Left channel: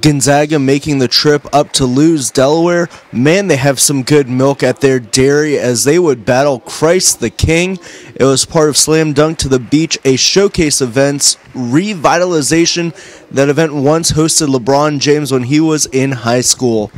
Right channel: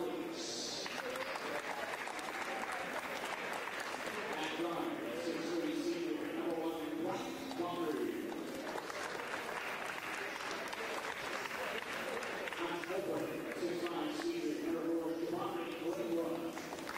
Gonzaga making the trip up to lose Delaware. Man, they have some good milk at their dairy as they would battle Christ the King. It was part of Slam Dunk to the Beach, a showcase event's revitalization. That event once hosted LeBron James when he was in high school.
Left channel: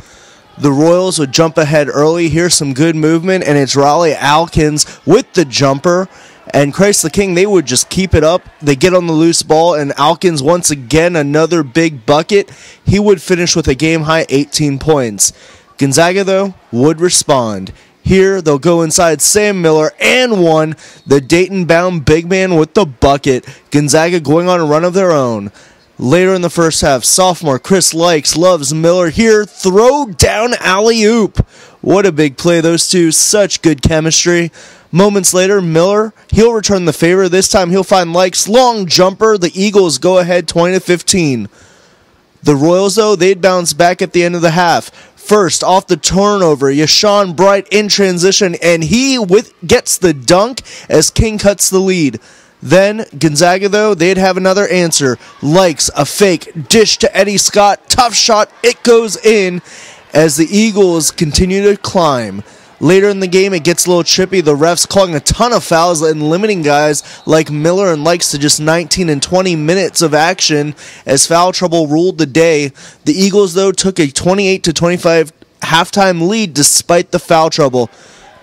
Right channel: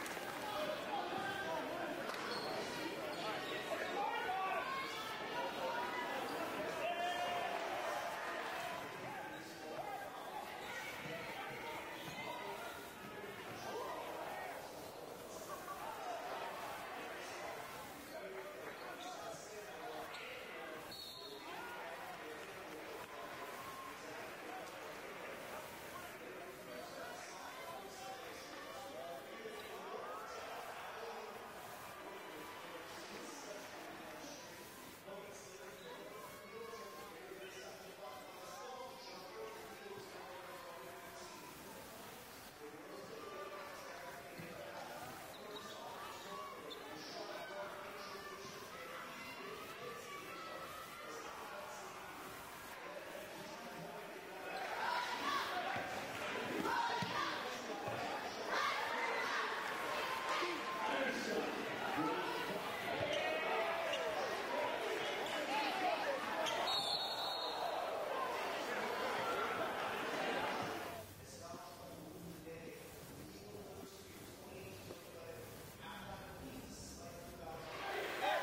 The Royals would jump ahead early. Here's some good movement, and it's Raleigh Alkins with the jumper. And Christ the King, they would just keep it up. They get on the loose ball, and Alkins, once again, another big bucket. He would finish with a game-high 18 points. Gonzaga, though, would respond. Here, they'll go inside Sam Miller and one. The Dayton-bound big man with the bucket. Gonzaga going on a run of their own. Later in the first half, sophomore Chris Likes loves Miller here. Throw down alley-oop. What a big play. Those two, such good chemistry. Moments later, Miller, he'll return the favor. This time he'll find Likes. Long jumper. The Eagles go ahead 20-15. The Royals, though, they'd bounce back at the end of the half. First, off the turnover, Yashawn Bright in transition, and he gets the dunk as King cuts the lead. Then, Gonzaga, though, they'd have another answer. Likes a fake dish to Eddie Scott. Tough shot. It goes in as the Eagles continue to climb. Later in the game, it gets a little trippy. The refs calling a ton of fouls and limiting guys like Miller and Likes to just 19 and 20 minutes of action as foul trouble ruled the day. The Eagles, though, took a 28-25 halftime lead despite the foul trouble.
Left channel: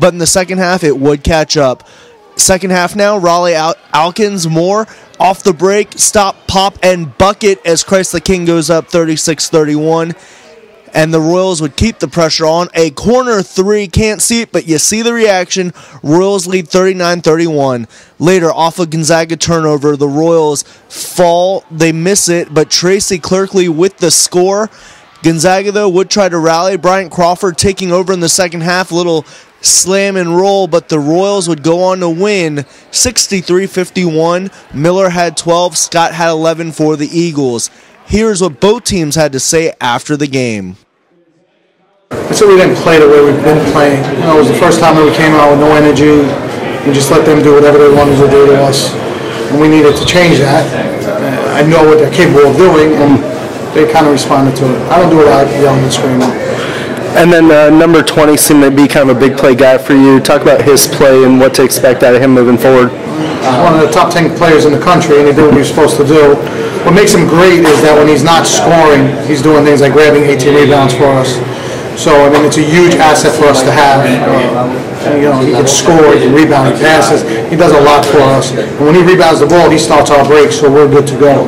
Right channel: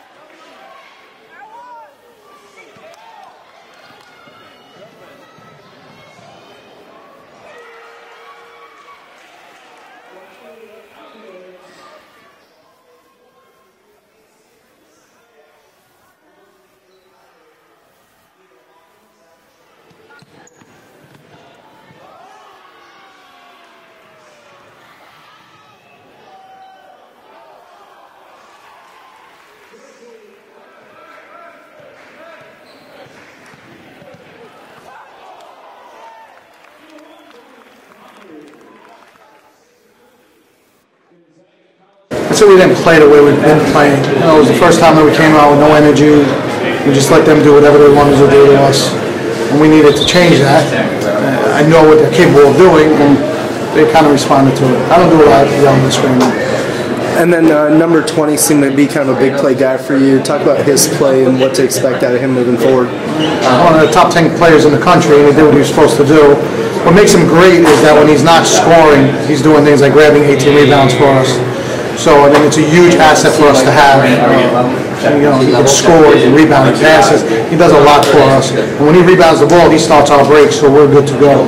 But in the second half, it would catch up. Second half now, Raleigh Alkins more off the break, stop, pop, and bucket as Christ the King goes up 36-31. And the Royals would keep the pressure on. A corner three, can't see it, but you see the reaction. Royals lead 39-31. Later, off a Gonzaga turnover, the Royals fall. They miss it, but Tracy Clerkley with the score. Gonzaga, though, would try to rally. Bryant Crawford taking over in the second half. A little slam and roll, but the Royals would go on to win 63-51. Miller had 12. Scott had 11 for the Eagles. Here's what both teams had to say after the game. I said we didn't play the way we've been playing. You know, it was the first time that we came out with no energy. We just let them do whatever they wanted to do to us. And we needed to change that. I know what they're capable of doing, and they kind of responded to it. I don't do a lot of yelling and screaming. And then number 20 seemed to be kind of a big play guy for you. Talk about his play and what to expect out of him moving forward. One of the top 10 players in the country, and he did what he was supposed to do. What makes him great is that when he's not scoring, he's doing things like grabbing 18 rebounds for us. So, I mean, it's a huge asset for us to have. You know, he can score, he can rebound, he passes. He does a lot for us. And when he rebounds the ball, he starts our break, so we're good to go.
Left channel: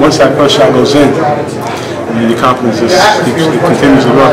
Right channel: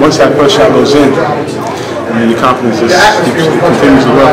Once that first shot goes in, I mean, your confidence just continues to grow.